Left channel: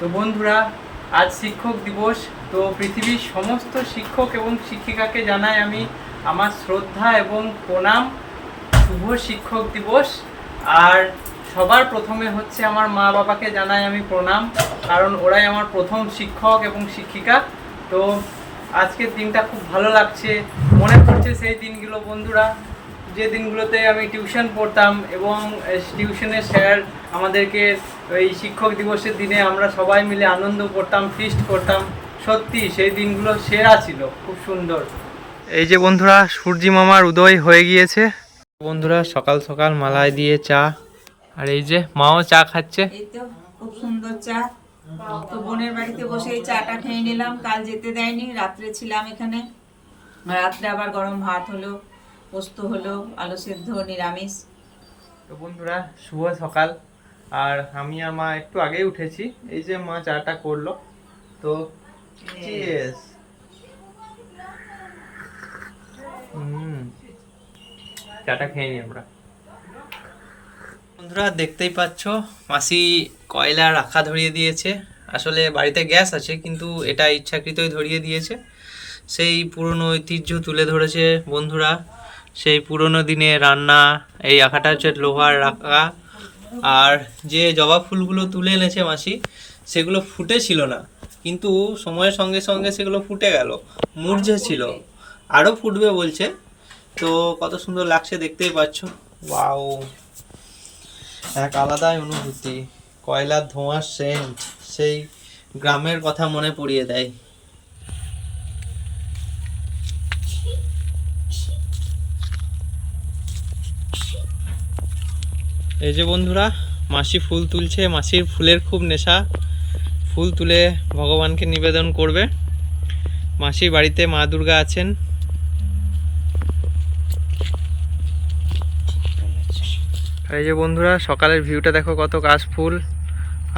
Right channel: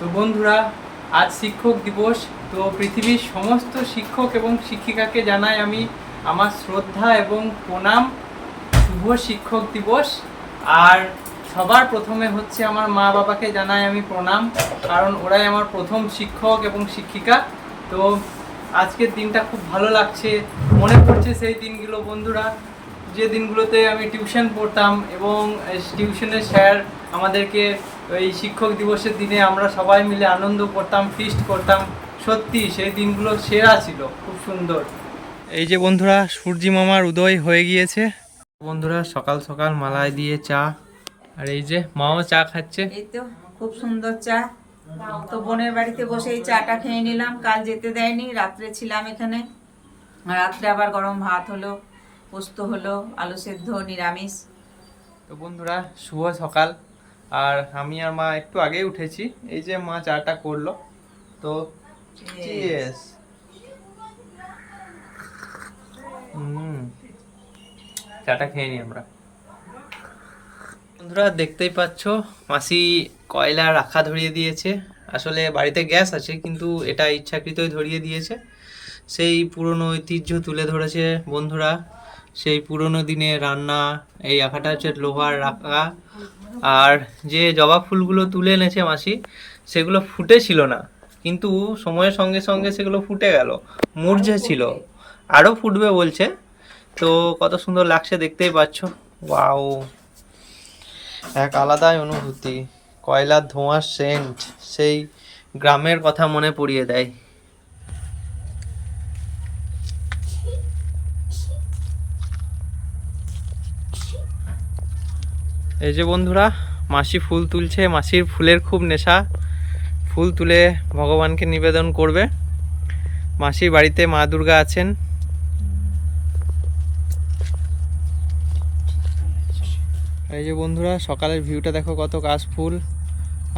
তো বন্ধুরা, আজ শিক্ষক দিবস। তো পৃথিবীর সমস্ত শিক্ষক এবং শিক্ষিকাকে জানাই আমি আমার শ্রদ্ধা এবং প্রণাম। শুভ শিক্ষক দিবস। আর সবার প্রথমে হচ্ছে আমার মা বাবাকে জানাই আমি প্রণাম, কারণ ওরাই আমার প্রথম শিক্ষক এবং শিক্ষিকা। তো আজকের দিনটা খুব ভালো লাগছে, মনে পড়ছে সেই দিনগুলো বন্ধুরা, যে দিনগুলোতে আমি টিউশন পড়তাম এবং টিউশনের স্যার আমাদেরকে এই শিক্ষক দিবসের দিনে আমরা সবাই মিলে আনন্দ করতাম, ফিস্ট করতাম। সত্যি সেই দিনগুলো সেরা ছিল, খুব সুন্দর। এই যে বন্ধুরা, সূর্যি মামার উদয় হয়ে গিয়েছে। বন্ধুরা, সকাল সকাল মালাই দিয়ে চা, আর এই যে মাও চা খাচ্ছে। এই তো খুব সুন্দর চা। তো বোনের বাড়িতে বসে এই চাটা খেয়ে নিলাম, কাল যেতে দেয়নি, রাত্রে ছিলাম এখানে। রাত্রে আবার গরম ভাত হলো, পোস্ত হলো, আলু সেদ্ধ, নিরামিষ। তো বন্ধুরা, শুভ সকাল। আর আমি আর মা একটু আগেই উঠেছি, এই যে মা চাটা করলো। তো চিয়ার্স। চাটা খেয়ে নিই আমরা। বন্ধুরা, দেখতেই পাচ্ছ মাসি কয়লা রাখা ধরিয়ে দিয়েছে। আসলে বাড়িতে গ্যাস আছে, কিন্তু এটা ইচ্ছাকৃতই ধরিয়ে দিয়েছে। সেই পুরনো ঐতিহ্য তুলে ধরেছে বন্ধুরা, সেই পুরনো দিনে রান্না। এই রাখাটা হচ্ছে লোহার রাখা। আর যে জবা ফুলগুলো তুলে এনেছে মাসি, সেগুলো ফুটেছিল না, কিন্তু সময়ের সঙ্গে সঙ্গে সেগুলো ফুটে গেল, মূর্ঝে ছিল, আরও ফুটবে বলছে। তো কত সুন্দর লাগছে, দেখতেই পাচ্ছ। ওয়াও, এক আলাদাই অনুভূতি। কয়লার ধোঁয়ার সেন্ট সেই গ্রামের কথা মনে পড়িয়ে দেয়। এই যে বন্ধুরা, মাসি ফুল তুলছে। মাসির ফুলের খুব নেশা, ফুল তুলে ভগবানকে নিবেদন করবে। মাসির বাড়িতে মা দুর্গা আছেন। আর এই যে বন্ধুরা, সকালের ভিউটা দেখো, কত কাশফুল।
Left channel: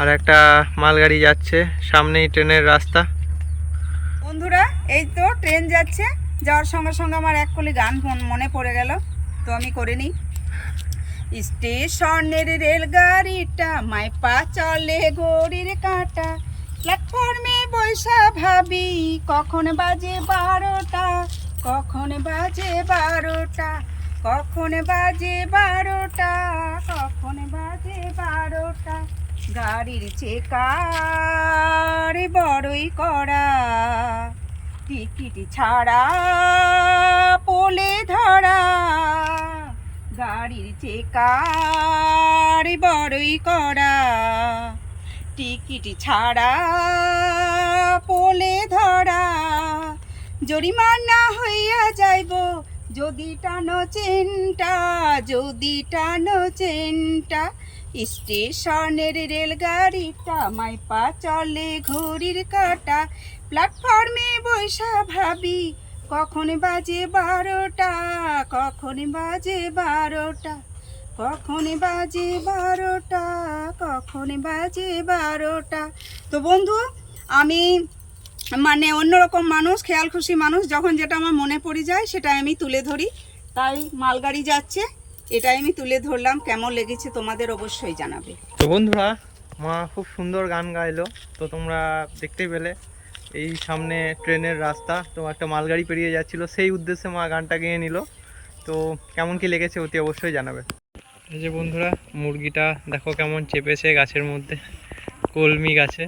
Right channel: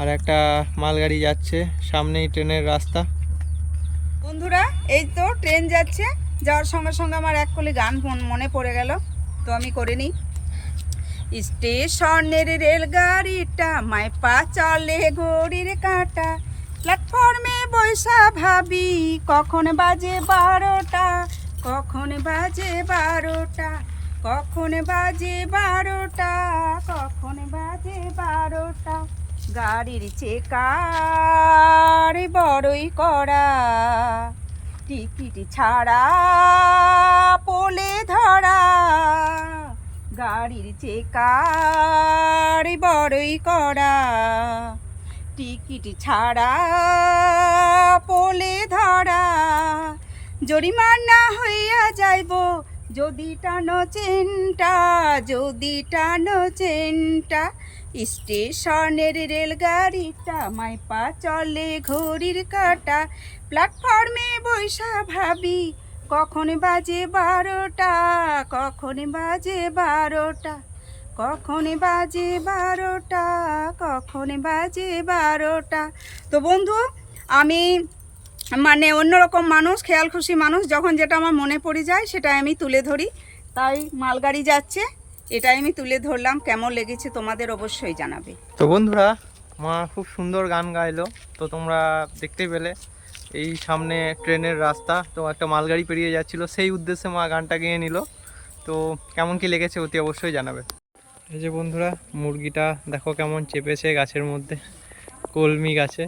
আর একটা মালগাড়ি যাচ্ছে, সামনেই ট্রেনের রাস্তা। বন্ধুরা, এই তো ট্রেন যাচ্ছে, যাওয়ার সঙ্গে সঙ্গে আমার এক কলি গান মনে পড়ে গেল, তো আমি করে নিই। স্টেশনের রেলগাড়িটা মাই পা চলে ঘড়ির কাঁটা, প্ল্যাটফর্মে বৈশা ভাবি কখন বাজে 12টা, কখন বাজে 12টা, কখন বাজে 12টা, কখন বাজে 12টা। গাড়ির চেকার বড়ই কড়া, টিকিট ছাড়া পোলে ধরা। গাড়ির চেকার বড়ই কড়া, টিকিট ছাড়া পোলে ধরা। জরিমানা হইয়া যাইব যদি টানো চেনটা, যদি টানো চেনটা। স্টেশনের রেলগাড়িটা মাই পা চলে ঘড়ির কাঁটা, প্ল্যাটফর্মে বৈশা ভাবি কখন বাজে 12টা, কখন বাজে 12টা, কখন বাজে 12টা, কখন বাজে 12টা। তো বন্ধু, আমি মানে অন্যরকম মানুষ, খেয়াল খুশি মানুষ। যখন যেটা আমার মনে পড়ে যায় সেটাই আমি তুলে ধরি। তাই মালগাড়ি যাচ্ছে, এটাই আমি তুলে ধরলাম। কেমন লেগেছে তোমাদের অবশ্যই জানাবে। তো বন্ধুরা, মা খুব সুন্দর গান গাইলো, তো তোমরা দেখতেই পেলে। এই সামনে ট্রেনের রাস্তা, তো একটা মালগাড়ি পেরিয়ে যাচ্ছিল, সেই উদ্দেশ্যে মা গানটা গেয়ে নিল। তো কেমন কি লেগেছে অতি অবশ্যই জানাবে। এই যে বন্ধুরা, মুরগিটা দেখো কেমন চেপেছে গাছের মধ্যে, কলমি গাছে।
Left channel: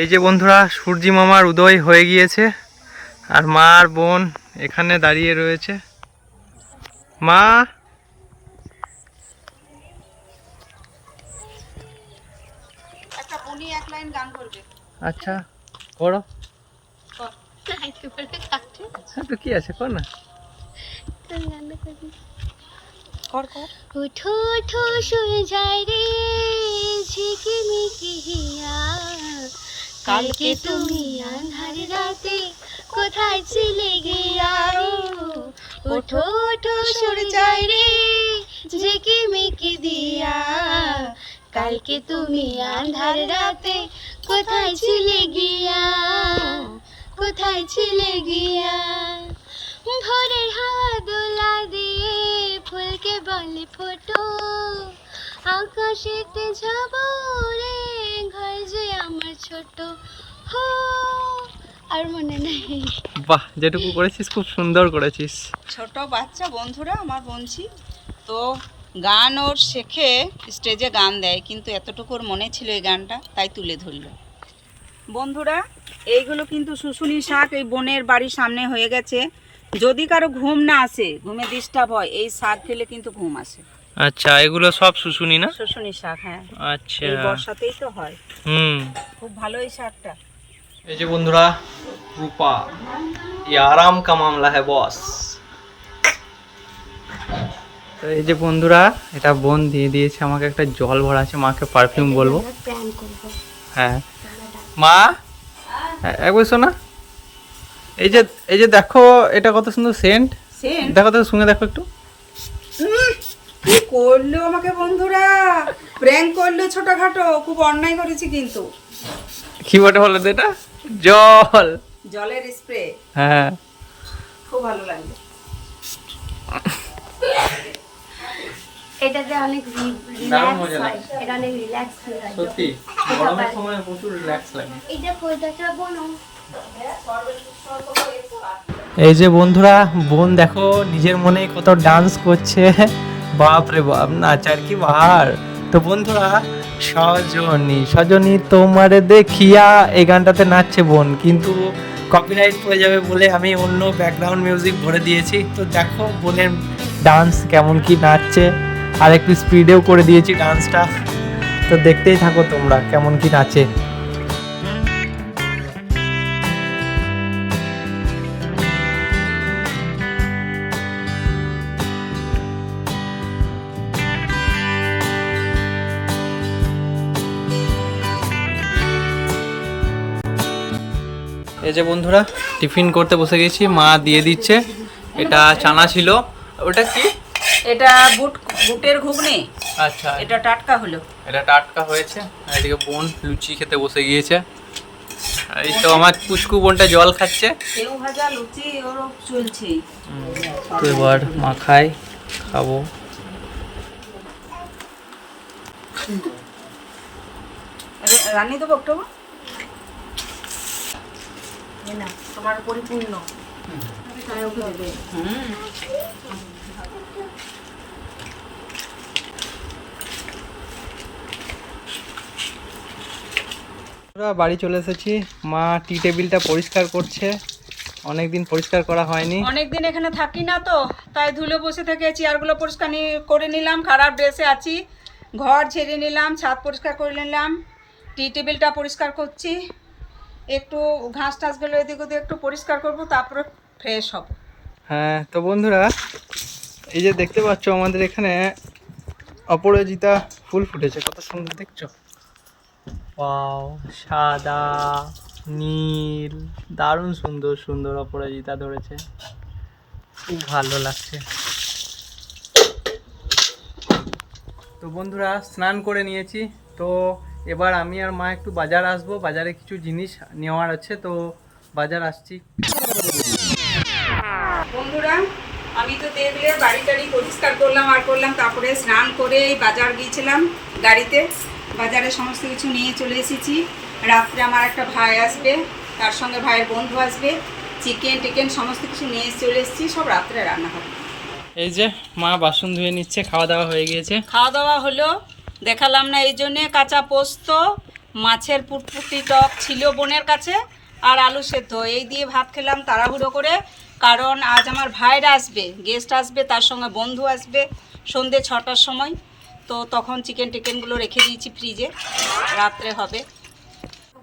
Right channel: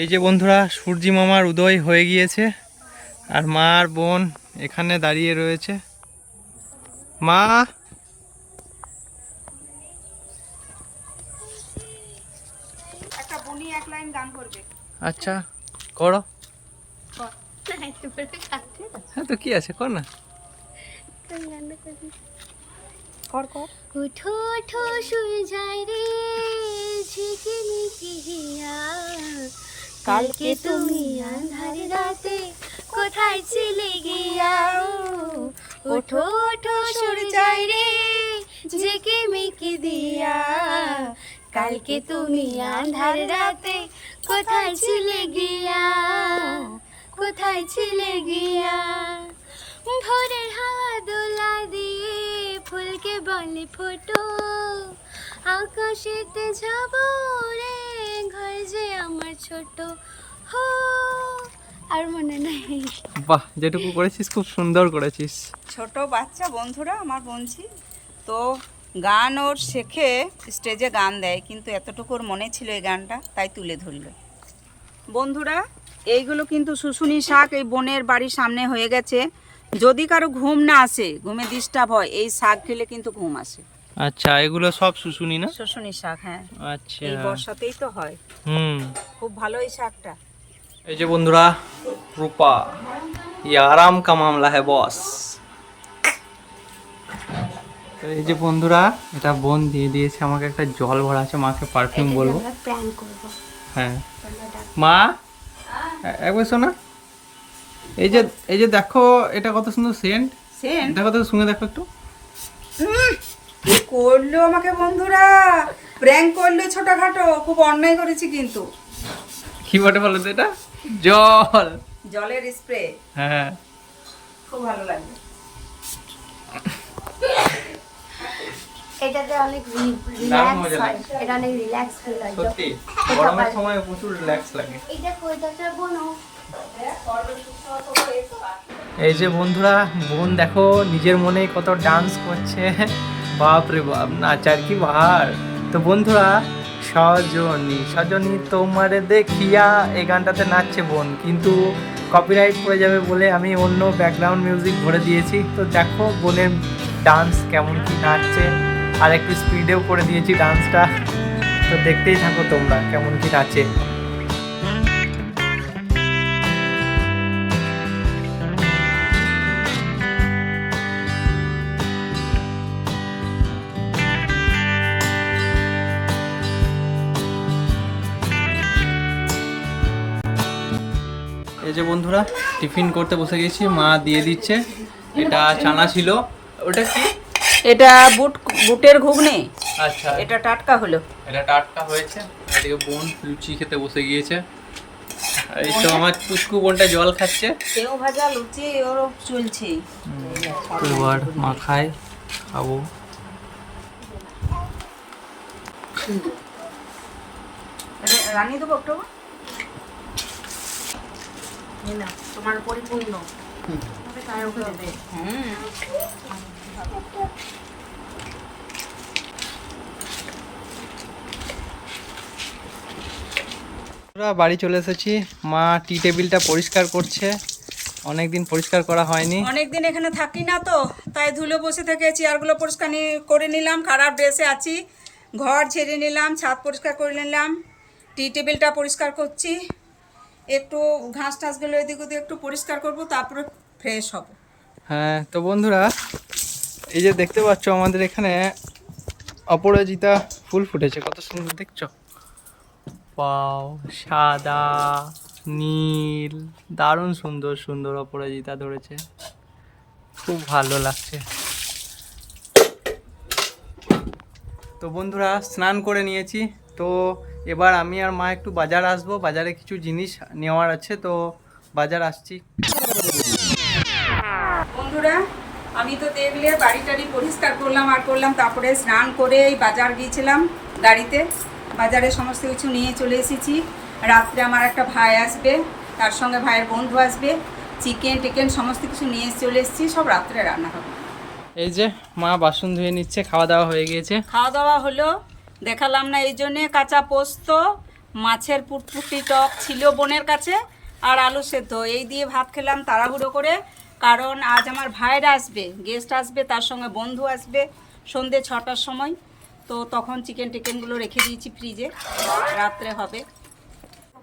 এই যে বন্ধুরা, সূর্যি মামার উদয় হয়ে গিয়েছে, আর মা আর বোন এখানে দাঁড়িয়ে রয়েছে। মা, একটা বনি এক লাইন গান করবে। আচ্ছা করো। হ্যাঁ, তো কি আছে, কর না। কর কর। ওঠো ওঠো শুয়ে যায় রে ঝিকিমিকি হিয়া, কালকে তুমি আঁধার রাতে কোথায় ছিলে গিয়া। ওঠো ওঠো সরে যায় রে কি দিয়া, কালকে তুমি আন্ধার রাতে কোথায় ছিলে গিয়া, কোথায় ছিলে গিয়া। ভোরের হাওয়া দোলা দিয়ে ফুলকে বলে ফোটো, আকাশেতে যাব রে ঘর যে আমার ছোট হো। আর মনে নাই। বাহ, যেটুকু করেছিস খুব সুন্দর করেছিস। ছোট বাচ্চা বন্ধুরা আমার বলছি তো, গান ওর শেখে, স্টেজে গান দেয়, কিন্তু এতটুকু ওর মনে ছিল এই গানটা, তাই তুলে ধরলো। বন্ধুরা এইগুলো কিন্তু শুশুনি শাক, এই বোনের বাড়ির সামনে হয়ে গেছে। যদি কারো ঘুম না আসে, ঘুমে ডিস্টার্ব হয়, এই শাক খেলে কিন্তু ঘুম আসে। আচ্ছা, এগুলো সব শুশুনি না? শুশুনি শাক, হ্যাঁ। আচ্ছা, এই বর্ষাতেই তো হয়। খুব ভালো এই শাকটা। এই যে বন্ধুরা, রূপা, ये आराम का मामला है बॉस। তো এই যে বন্ধুরা, এটা বোন দিয়ে দিয়েছে আমাকে একটা জল ভরা আছে, মাকে পারফিউম বলবো। প্র্যাঙ্ক করব। হ্যাঁ মা, একবার শোনা, এই যে দেখো এটা কত সুন্দর সেন্ট, দেখো তো, শুনে দেখো একটু। কি করলো আমাকে বন্ধুরা, প্র্যাঙ্ক করলো ছোটখাটো, খুব অন্যায় করেছি কিন্তু। কি বটে বলো তো, এটা জল, জলের স্প্রে। হ্যাঁ খুব ভালো লাগলো। এটাতে অনেক দারুণ রিল্যাক্স মজা হয়, লাগে। এটা অনেক রিল্যাক্স ফিল হয়। সত্যি গরমের সময় প্রচুর রিল্যাক্স লাগে। এটা কোথাটা বোনো? এই যে বন্ধুরা, বোন দেখো নিজের মনে কত ডান্স করছে, বাপ রে বাপ, নাচার কি ভার। তো বন্ধুরা, সজনী তোমারে দেখিয়া, এই গানটাতে নাচছে বোন, কিন্তু কপিরাইট পড়ে যাবে বলে আমি অন্য ব্যাকগ্রাউন্ড মিউজিক ভরে দিয়েছি। তো দেখো বোনের ডান্স কেমন কি নাচছে, আর একটু স্পিডেও করে দিয়েছি ডান্সটা। তো দেখতেই থাকো তোমরা কেমন কি নাচে। এই যে বন্ধুরা, টিফিন করতে বসে গেছি, মা দিয়ে দিচ্ছে। এটা চানা ছিল, ওটা কি? এটা বুটের ঘুগনি। আচ্ছা, এটা টাটকা হলো। এটা টাটকা হয়েছে। আর এদিকে বোন লুচি খেতে বসে গিয়েছে। এই তো আমার পুচকু বোনটা জল খাচ্ছে। সেও ভাজা লুচি ওর চলছে। তো এবার মা খাবো। রানি দেবো একটু, না তোমার পরিপূর্ণ। বাড়ি চলে এসেছি, মা টি টেবিলটা পরিষ্কার করছে, অনেকদিন পরিষ্কার করা হয়নি। অনেকদিন এখানে থাকি না তো, তাই ধুলো বসে থেকে চেয়ারগুলো পরিষ্কার করে নিলাম, খারাপ ড্রেসে আছি, ঘর ঝেড়ে নিলাম, ছাদ পরিষ্কার করে নিলাম, টি টেবিলটা পরিষ্কার করছি, একটু ঘাস টাসগুলো এদিক ওদিক একটু পরিষ্কার করবো, তারপরে ফ্রেশ হব। হ্যাঁ তো বন্ধুরা, এই যে দেখতে পাচ্ছ আমাদের এখানে অপরাজিতা ফুল ফুটেছে, কত সুন্দর দেখছো। পাও সাদা নীল, দারুণ সুন্দর সুন্দর অপরাজিতা ধরেছে, খুব ভালো লাগছে। তো বন্ধুরা, স্নান করে নিয়েছি, তো এবার আমি আর মা একটু বাজার আসবো, বাজারে কিছু জিনিস নেওয়ার আছে, তো বাজার আসছি। বন্ধুরা, আমি তো টেবিলে বাড়ি টাড়ি পরিষ্কার করলাম, তারপরে স্নান করে বাজার গিয়েছিলাম গাড়িতে, বাজারে সমস্ত কিছু নিয়ে চলে এসেছি। রাত্রে আমার একটা ভাই আসবে, তার সঙ্গে ভাইয়ের বন্ধু আসবে, চিকেন টিকেন সমস্ত কিছু নিয়ে চলে এসেছি, সব রাত্রে রান্না হবে। এই যে মা বাসন ধুয়ে নিচ্ছে, খাওয়া দাওয়া হয়ে গিয়েছে। খাওয়া দাওয়া হলো, দেখালাম না এই জন্যে, কাঁচা পোস্ত, মাছের পুটপুটি টক ছিল বোনের কাছে, আর আলু সেদ্ধ, এই দিয়ে ভাত খেলাম তাড়াহুড়ো করে, কারণ আজ আমার ভাইরা আসবে, গেস্ট আসবে, তার সঙ্গে বন্ধু আসবে সন্ধ্যে 6টার সময়, তো তখন চিকেন টিকেনগুলো রেখে দিয়েছি ফ্রিজে, রাত্রে হবে।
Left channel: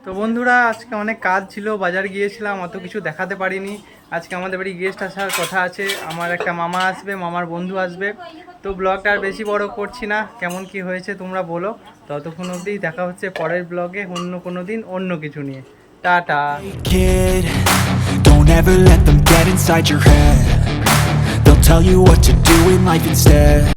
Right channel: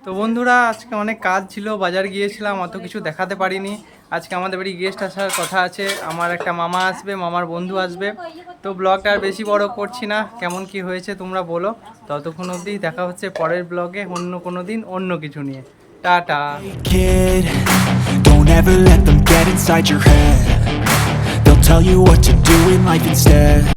তো বন্ধুরা, আজকে অনেক কাজ ছিল, বাজার গিয়েছিলাম, অত কিছু দেখাতে পারিনি। আজকে আমাদের বাড়ি গেস্ট আসার কথা আছে, আমার একটা মামা আসবে, মামার বন্ধু আসবে, তো ব্লগটা আর বেশি বড় করছি না। কেমন কি হয়েছে তোমরা বলো। ততক্ষণ অবধি দেখা হচ্ছে পরের ব্লগে, অন্য কোনো দিন অন্য কিছু নিয়ে। Tata. Kid, don't ever let them get inside your head. They'll tell you what to do in life instead.